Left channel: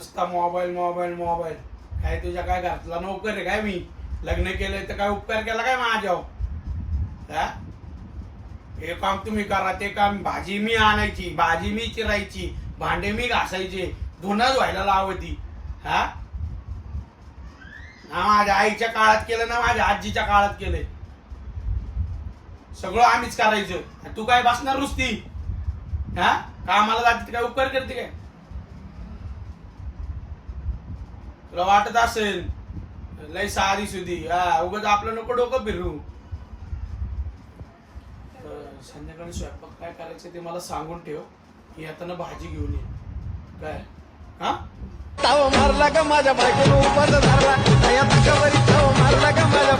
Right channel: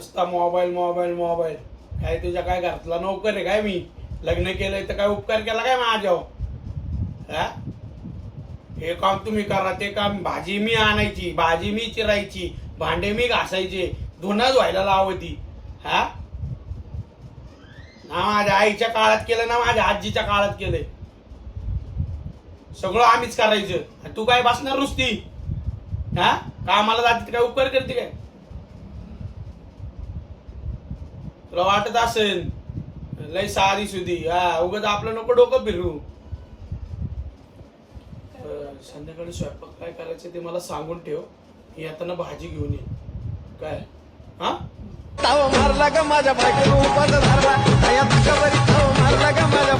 नुसता mobile mobile mobile. काय तुझ्या काय घरातला नोकर आहे काय मी? लग्न केलंय तर काय उपकार केला काय माझ्यावर? हा, हे काम तुम्ही करा, ते काम, भाजी मी आणायची, भाजी मी चिरायची, भांडे मी घासायचे, धुणं धुवायला लावती. हा, ना माझ्या आईच्या काळात केलं ना माझ्या आजीच्या काळात केलंय. सगळं आम्हीच करायचं. तू काय बसणार नुसती? हा, कामाला जाते काय उपकार करते काय? तुला वाटत असेल लय साधी सुधी. हा, उगाच आपलं नको डोकं फिरू. संध्याकाळी स्वयंपाक काय करायचं ते मला सांगून ठेव. मी आता भाजी घेऊन ये. काय? हा, ताव मारला का माझ्या बायकोनं उपास धरला. ताया ताकावरी ताव मारला का माझ्या